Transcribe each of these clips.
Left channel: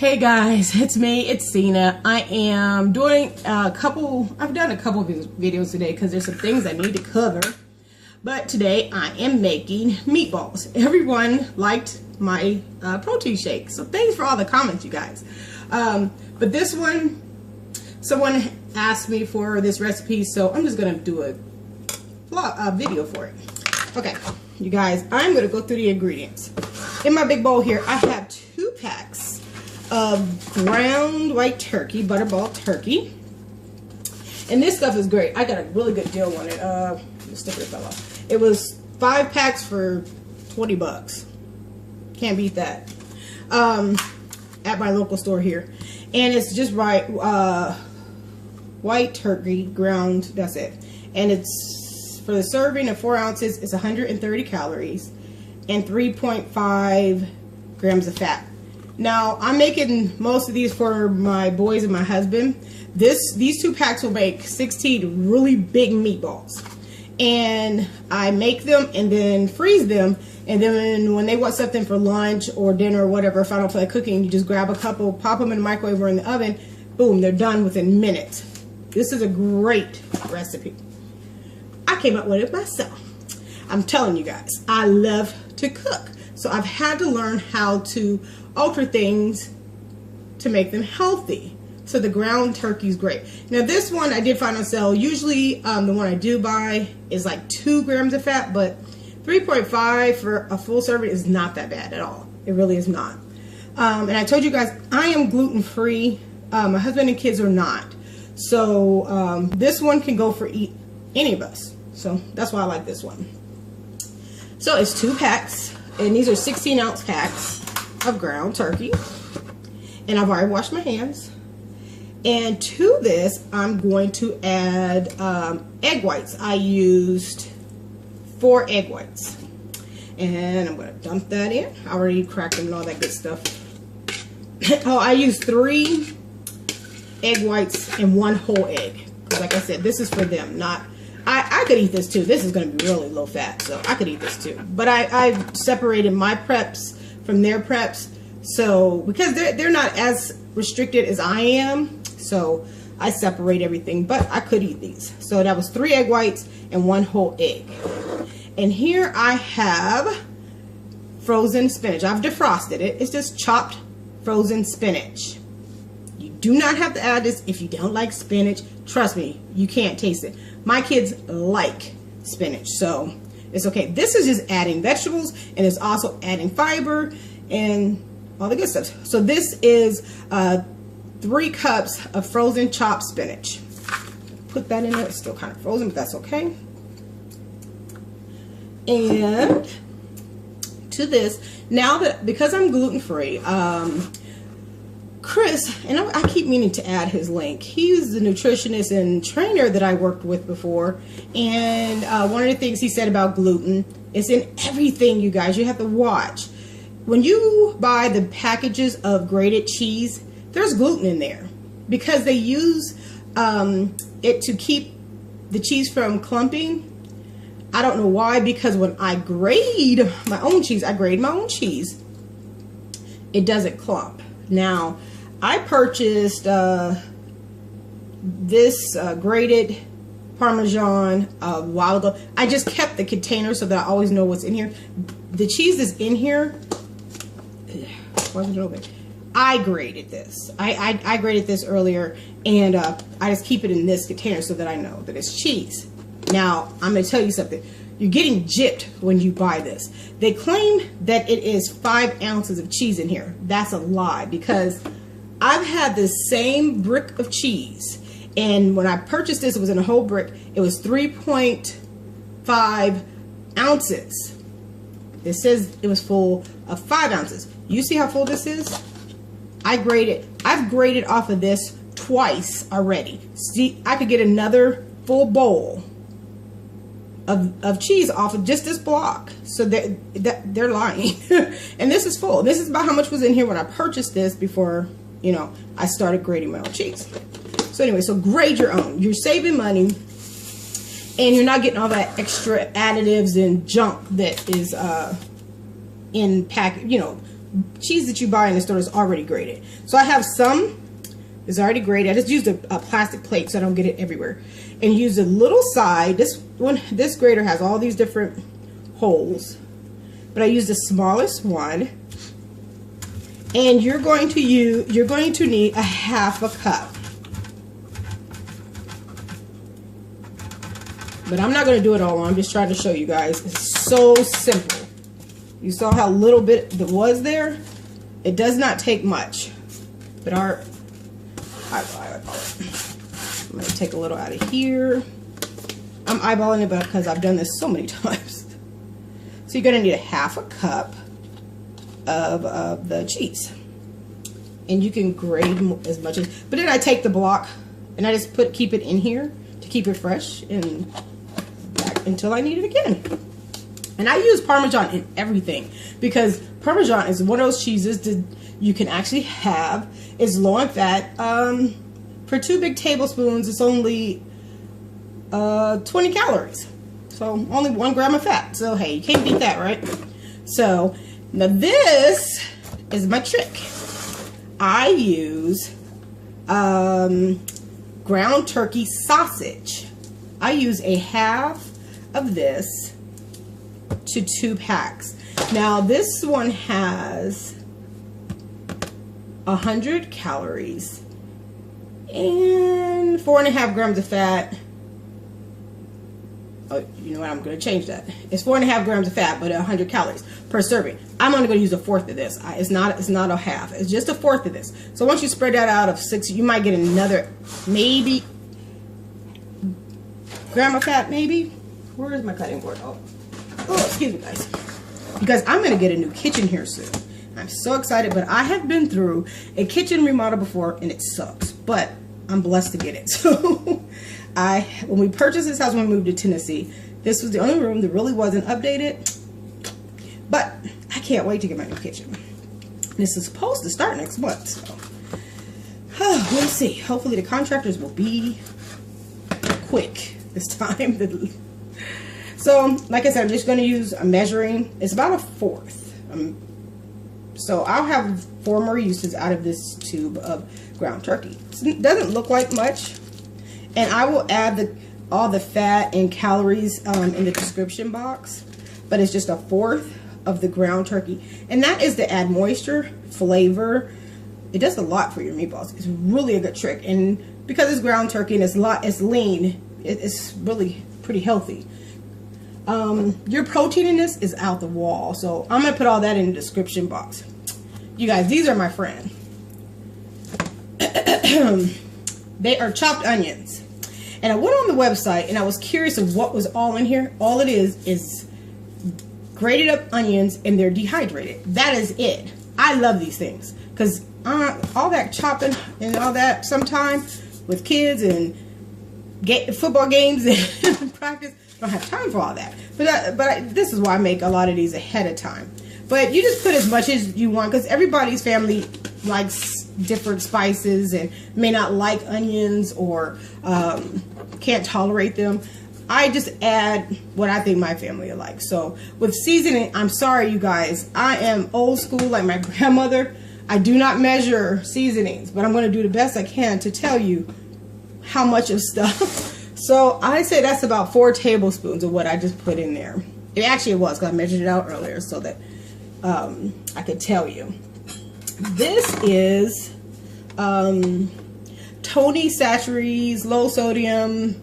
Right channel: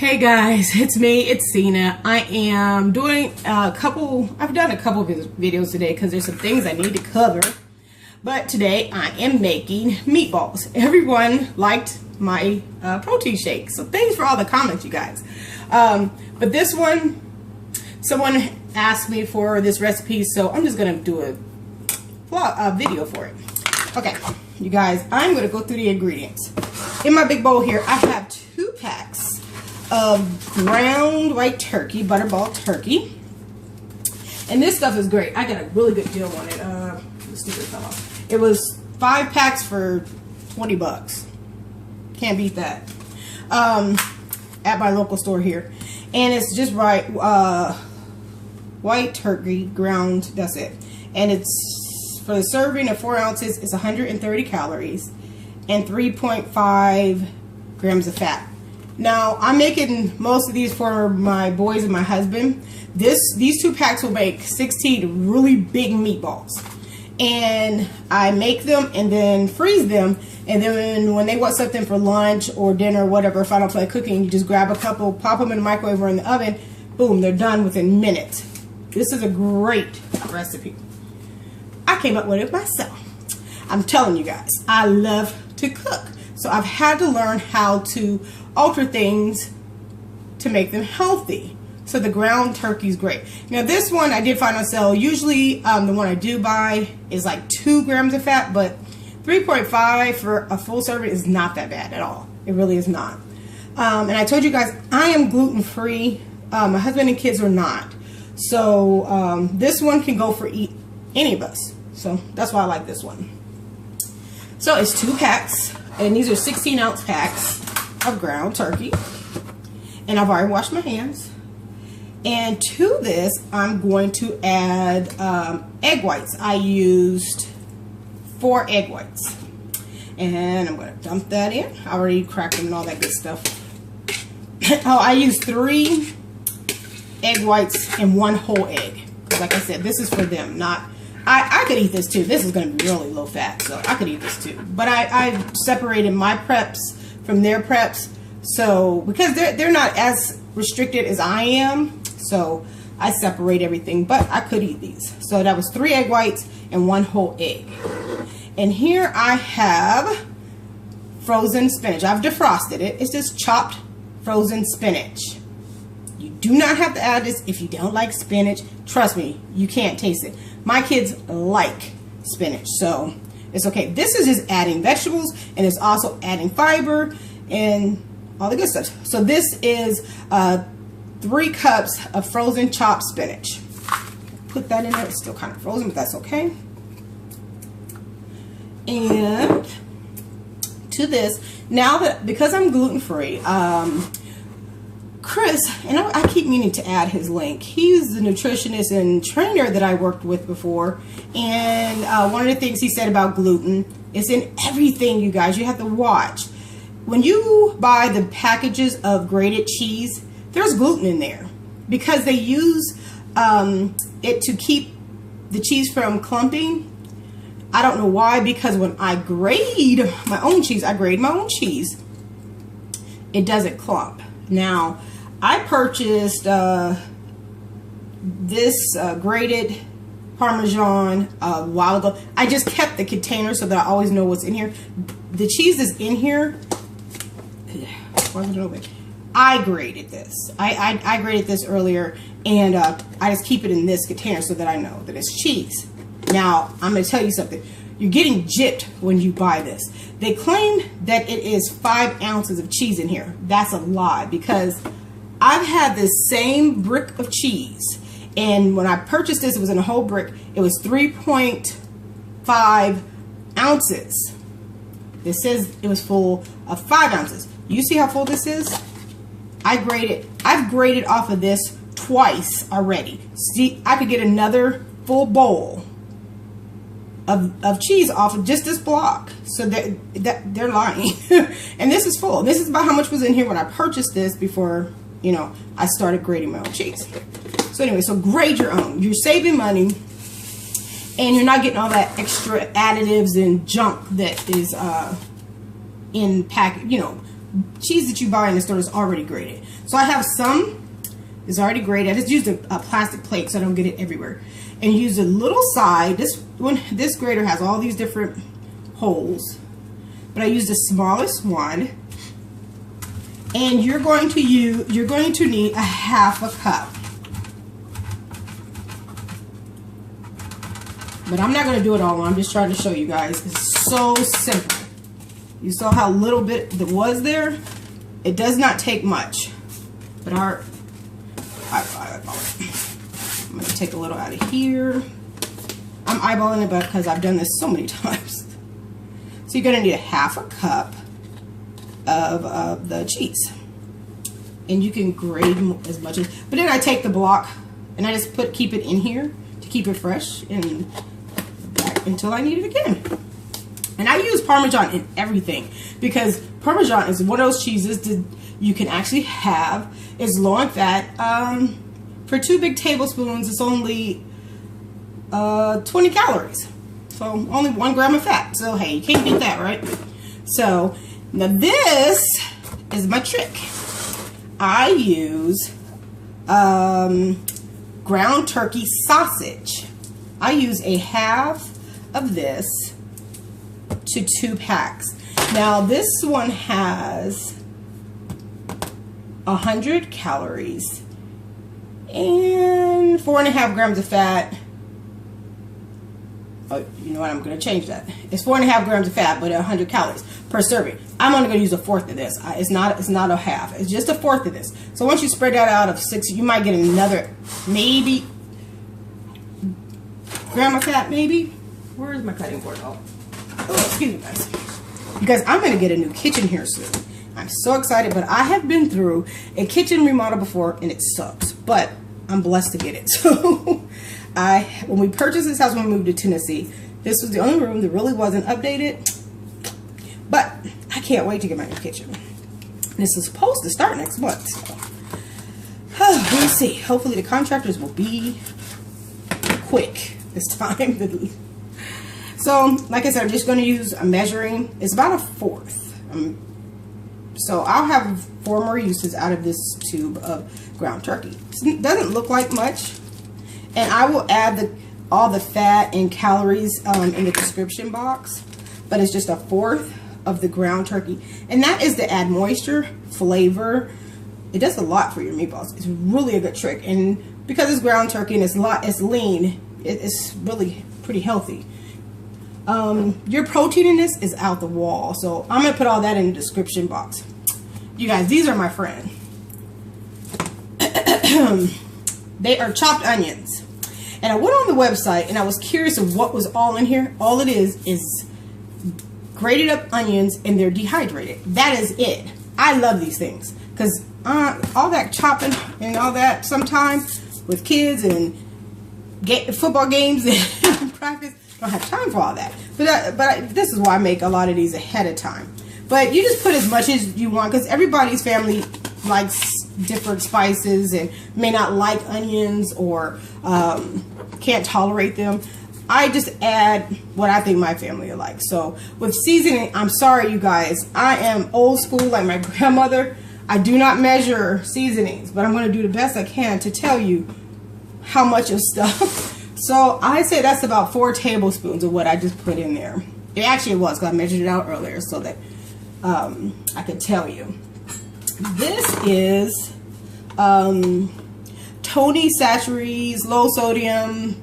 Hey guys, it's me, it's Cena. I am doing I've done a couple of videos today because there's some things I need to cover. But today I am making meatballs. Everyone liked my protein shake, so thanks for all the comments, you guys. But this one, someone asked me for this recipe, so I'm just gonna do a video for it. Okay, you guys, I'm gonna go through the ingredients. In my big bowl here, I have 2 packs of ground white turkey, butterball turkey. And this stuff is great. I got a really good deal on it. The sticker fell off. It was 5 packs for 20 bucks. Can't beat that. At my local store here. And it's just white turkey, ground, that's it. And it's, for the serving of 4 ounces, it's 130 calories and 3.5 grams of fat. Now, I'm making most of these for my boys and my husband. These 2 packs will make 16 really big meatballs. And I make them and then freeze them. And then when they want something for lunch or dinner or whatever, if I don't feel like cooking, you just grab a couple, pop them in the microwave or in the oven. Boom, they're done within minutes. This is a great recipe. I came up with it myself. I'm telling you guys, I love to cook. So I've had to learn how to alter things to make them healthy. So the ground turkey is great. Now this one I did find on sale. Usually the one I do buy is like 2 grams of fat, but 3.5 for a full serving is not that bad at all. It really is not. And I told you guys I am gluten-free. My husband and kids are not. So this one can go for any of us. So that's why I like this one. So it's 2 packs, and these are 16-ounce packs of ground turkey. And I've already washed my hands. And to this, I'm going to add egg whites. I used 4 egg whites. And I'm going to dump that in. I already cracked them and all that good stuff. Oh, I used 3 egg whites and 1 whole egg. Because like I said, this is for them, not... I could eat this too. This is going to be really low fat, so I could eat this too. But I separated my preps from their preps. So, because they're not as restricted as I am, so I separate everything, but I could eat these. So that was 3 egg whites and 1 whole egg. And here I have frozen spinach. I've defrosted it. It's just chopped frozen spinach. You do not have to add this if you don't like spinach. Trust me, you can't taste it. My kids like spinach, so it's okay. This is just adding vegetables, and it's also adding fiber and all the good stuff. So this is 3 cups of frozen chopped spinach. Put that in there. It's still kind of frozen, but that's okay. And to this, now that, because I'm gluten-free, Chris, and I keep meaning to add his link. He's the nutritionist and trainer that I worked with before. And one of the things he said about gluten is in everything, you guys. You have to watch. When you buy the packages of grated cheese, there's gluten in there because they use it to keep the cheese from clumping. I don't know why, because when I grade my own cheese, it doesn't clump. Now, I purchased this grated parmesan a while ago. I just kept the container so that I always know what's in here. The cheese is in here. I grated this. I grated this earlier, and I just keep it in this container so that I know that it's cheese. Now, I'm going to tell you something. You're getting gypped when you buy this. They claim that it is 5 ounces of cheese in here. That's a lie, because I've had this same brick of cheese, and when I purchased this, it was in a whole brick. It was 3.5 ounces. This says it was full of 5 ounces. You see how full this is? I've graded off of this twice already. See, I could get another full bowl of cheese off of just this block. So they're lying. And this is full. This is about how much was in here when I purchased this before, you know, I started grading my own cheese. So anyway, so grade your own. You're saving money, and you're not getting all that extra additives and junk that is in pack, you know, cheese that you buy in the store is already grated. So I have some is already grated. I just used a plastic plate so I don't get it everywhere. And use a little side. This grater has all these different holes, but I used the smallest one. And you're going to need a half a cup. But I'm not going to do it all. I'm just trying to show you guys. It's so simple. You saw how little bit that was there. It does not take much. But I'm going to take a little out of here. I'm eyeballing it because I've done this so many times. So you're going to need a half a cup of the cheese. And you can grate as much as, but then I take the block and I just keep it in here to keep it fresh and until I need it again. And I use Parmesan in everything because Parmesan is one of those cheeses that you can actually have. It's low in fat. For 2 big tablespoons, it's only 20 calories. So only 1 gram of fat. So hey, you can't beat that, right? So now this is my trick. I use ground turkey sausage. I use a half of this to 2 packs. Now this one has 100 calories and 4.5 grams of fat. Oh, you know what? I'm going to change that. It's 4.5 grams of fat, but 100 calories per serving. I'm only going to use a fourth of this. It's not a half. It's just a fourth of this. So once you spread that out of 6, you might get another maybe gram of fat. Maybe. Where is my cutting board? Oh, excuse me, guys. Because I'm going to get a new kitchen here soon. I'm so excited, but I have been through a kitchen remodel before, and it sucks. But I'm blessed to get it. So when we purchased this house when we moved to Tennessee, this was the only room that really wasn't updated. But I can't wait to get my new kitchen. This is supposed to start next month. So. We'll see. Hopefully the contractors will be quick this time. So, like I said, I'm just going to use a measuring. It's about a fourth. So I'll have 4 more uses out of this tube of ground turkey. It doesn't look like much. And I will add all the fat and calories in the description box. But it's just a fourth of the ground turkey. And that is to add moisture, flavor. It does a lot for your meatballs. It's really a good trick. And because it's ground turkey and it's lean, it's really pretty healthy. Your protein in this is out the wall. So I'm going to put all that in the description box. You guys, these are my friend. They are chopped onions. And I went on the website and I was curious of what was all in here. All it is grated up onions and they're dehydrated. That is it. I love these things because all that chopping and all that sometimes with kids and football games and practice, I don't have time for all that. But this is why I make a lot of these ahead of time. But you just put as much as you want because everybody's family likes different spices and may not like onions or can't tolerate them. I just add what I think my family will like. So with seasoning, I'm sorry you guys, I am old school like my grandmother. I do not measure seasonings, but I'm going to do the best I can to tell you how much of stuff. So I say that's about 4 tablespoons of what I just put in there. It actually was because I measured it out earlier so that I could tell you. This is Tony Chachere's low sodium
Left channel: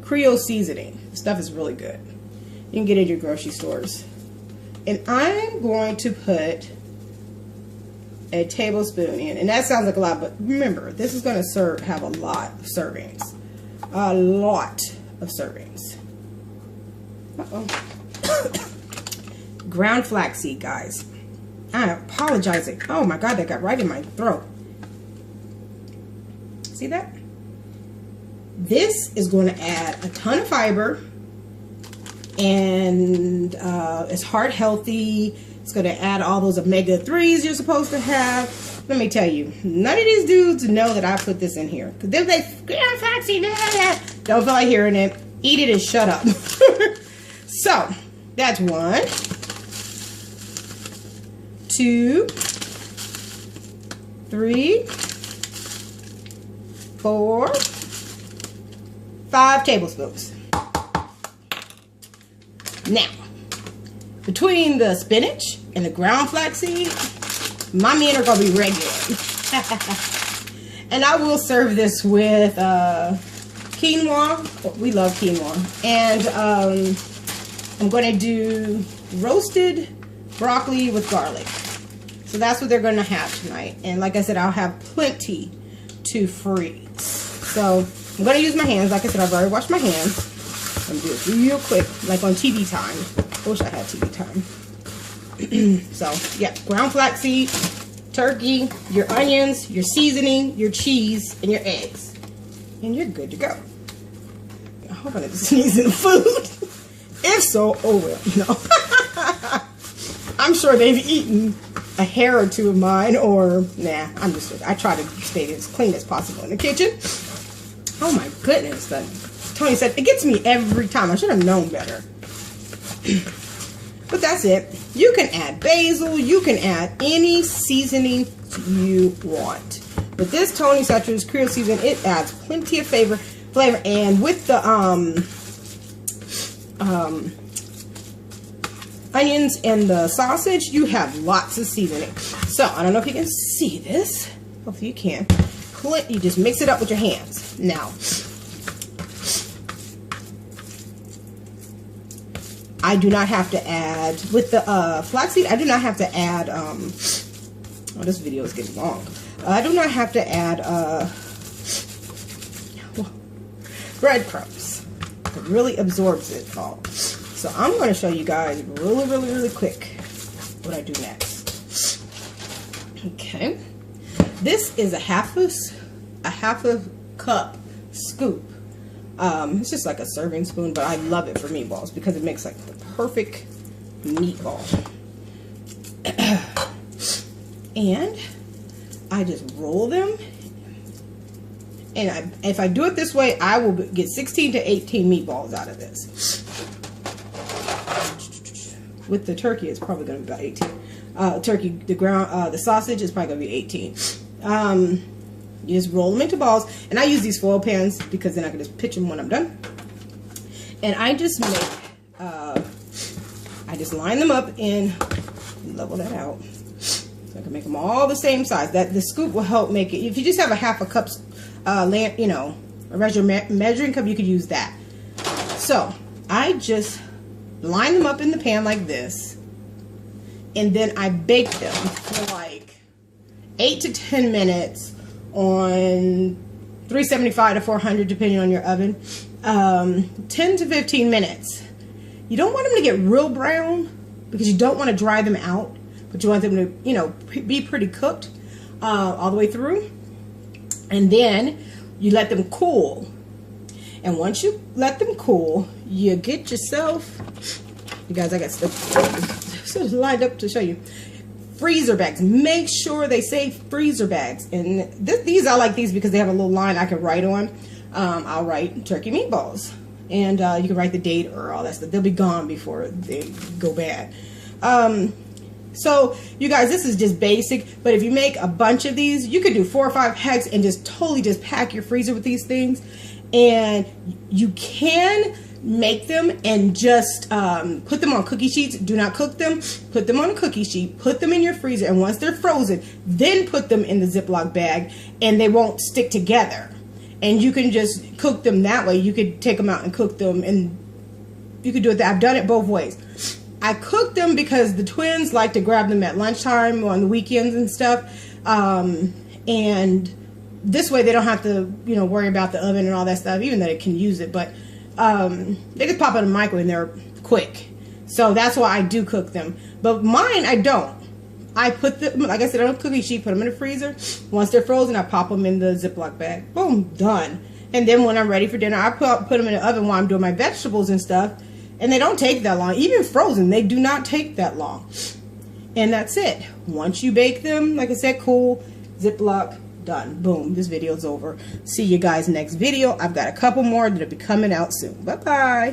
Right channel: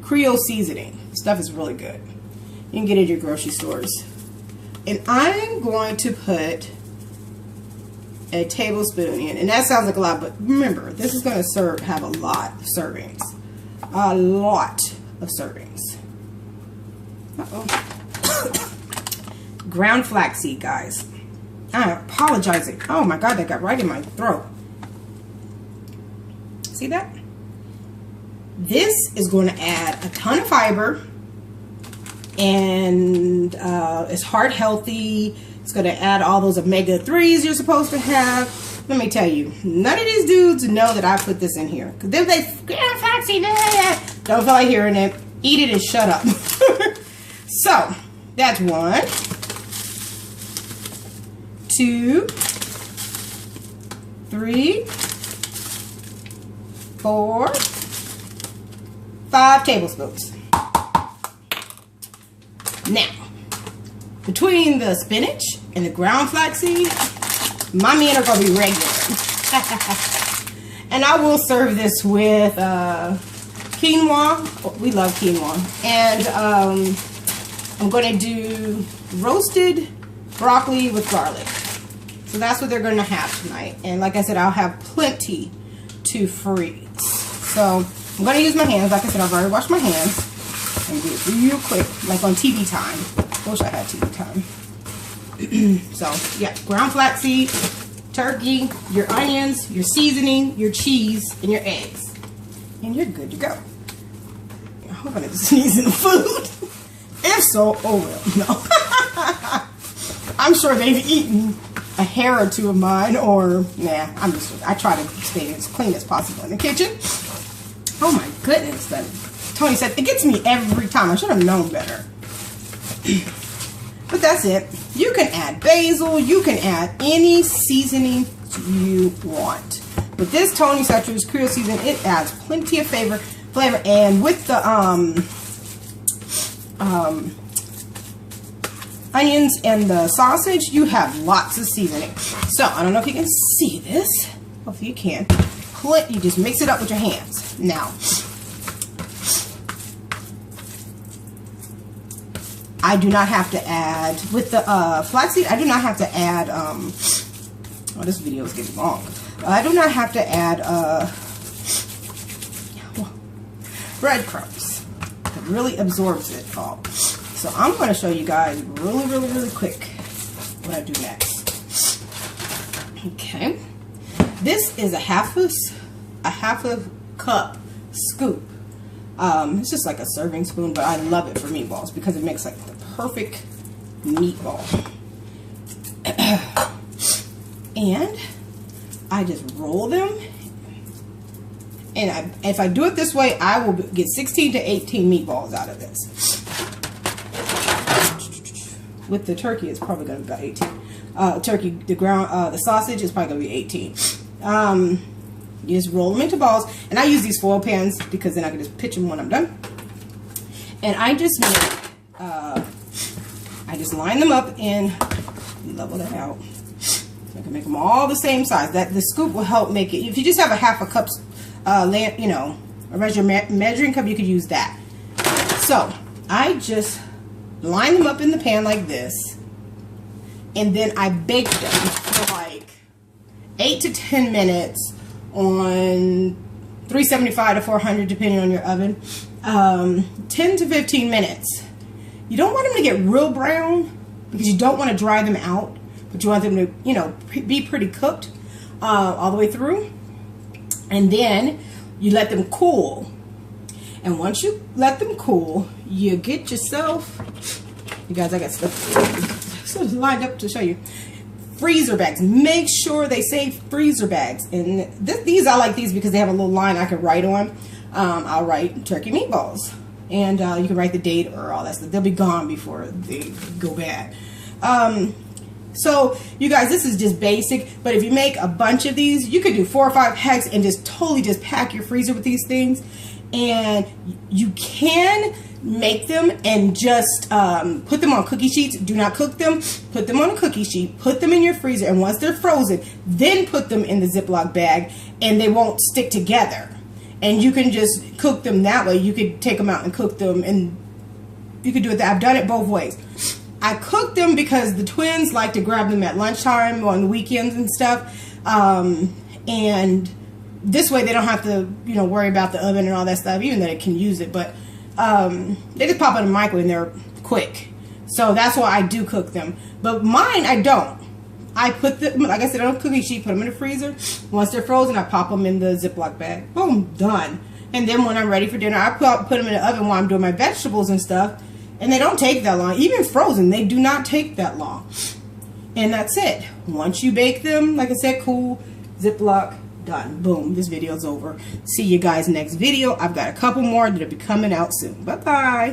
Creole seasoning. This stuff is really good. You can get it at your grocery stores. And I'm going to put a tablespoon in. And that sounds like a lot, but remember, this is going to have a lot of servings. A lot of servings. Ground flaxseed, guys. I'm apologizing. Oh my God, that got right in my throat. See that? This is going to add a ton of fiber. And it's heart healthy. It's going to add all those omega-3s you're supposed to have. Let me tell you, none of these dudes know that I put this in here. Because they're like, ground flaxseed, don't feel like hearing it. Eat it and shut up. So, that's one. 2, 3, 4, 5 tablespoons. Now, between the spinach and the ground flaxseed, my men are going to be regular. And I will serve this with quinoa. We love quinoa. And I'm going to do roasted broccoli with garlic. So that's what they're going to have tonight. And like I said, I'll have plenty to freeze. So I'm going to use my hands. Like I said, I've already washed my hands. And do it real quick, like on TV time. I wish I had TV time. So, yeah, ground flaxseed, turkey, your onions, your seasoning, your cheese, and your eggs. And you're good to go. I hope I didn't sneeze in the food. If so, oh well, no. I'm sure they've eaten a hair or two of mine, or, nah, I try to stay as clean as possible in the kitchen. Oh my goodness, Tony said, it gets me every time. I should have known better. But that's it. You can add basil. You can add any seasoning you want. But this Tony Chachere's Creole season, it adds plenty of flavor. And with the onions and the sausage, you have lots of seasoning. So, I don't know if you can see this. Hopefully you can. You just mix it up with your hands. Now, I do not have to add, with the flaxseed, I do not have to add, oh, this video is getting long. I do not have to add breadcrumbs. It really absorbs it all. So I'm going to show you guys really quick what I do next. Okay. This is a half a cup scoop. It's just like a serving spoon, but I love it for meatballs because it makes like the perfect meatball. And I just roll them. And if I do it this way, I will get 16 to 18 meatballs out of this. With the turkey, it's probably going to be about 18. The sausage is probably going to be 18. You just roll them into balls, and I use these foil pans because then I can just pitch them when I'm done. And I just make, I just line them up and level that out. So I can make them all the same size. The scoop will help make it. If you just have a half a cup, a measuring cup, you could use that. So I just line them up in the pan like this, and then I bake them for like 8 to 10 minutes on 375 to 400 depending on your oven. 10 to 15 minutes. You don't want them to get real brown because you don't want to dry them out, but you want them to, be pretty cooked all the way through. And then you let them cool. And once you let them cool, you get yourself, you guys, I got stuff lined up to show you. Freezer bags. Make sure they say freezer bags. And these, I like these because they have a little line I can write on. I'll write turkey meatballs. And you can write the date or all that stuff. They'll be gone before they go bad. So, you guys, this is just basic. But if you make a bunch of these, you could do 4 or 5 packs and just totally just pack your freezer with these things. And you can make them and just put them on cookie sheets. Do not cook them. Put them on a cookie sheet. Put them in your freezer. And once they're frozen, then put them in the Ziploc bag and they won't stick together. And you can just cook them that way. You could take them out and cook them, and you could do it. I've done it both ways. I cook them because the twins like to grab them at lunchtime on the weekends and stuff. And this way they don't have to, worry about the oven and all that stuff, even though they can use it. But they just pop in the microwave and they're quick. So that's why I do cook them. But mine, I don't. I put them, like I said, on a cookie sheet, put them in the freezer. Once they're frozen, I pop them in the Ziploc bag. Boom, done. And then when I'm ready for dinner, I put them in the oven while I'm doing my vegetables and stuff. And they don't take that long. Even frozen, they do not take that long. And that's it. Once you bake them, like I said, cool, Ziploc, done. Boom, this video's over. See you guys next video. I've got a couple more that'll be coming out soon. Bye-bye.